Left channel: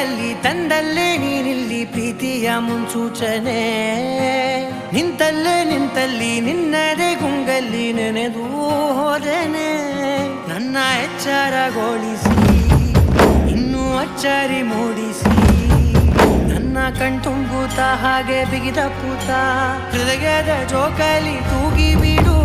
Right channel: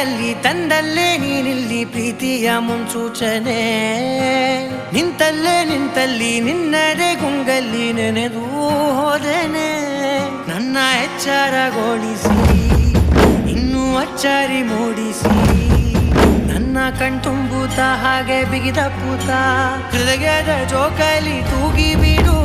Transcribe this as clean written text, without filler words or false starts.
ಕೈಯಲ್ಲಿ ತಂದಲ್ಲೇ ನೀನಿಲ್ಲಿ ಪ್ರೀತಿಯ ಮುನ್ಸೂಚನೆ ನಿಂತಲ್ಲಿ ನಿನ್ನದೇ ಗುಂಗಲ್ಲಿ ನೆನೆದು ಹೋದೆನೆ ನನ್ನ ಎಚ್ಚರಗೊಳಿಸಿ ಇನ್ನೂ ಅಚ್ಚರಿ ಮೂಡಿಸಿ ನನ್ನ ಕಣ್ತುಂಬುತ್ತಾ ಹಾಗೆ ಬಿಗಿದ ಪೂತ ಹೃದಯದ ಜೋಕಾಲಿ ತೂಗಿ ಬಿಡು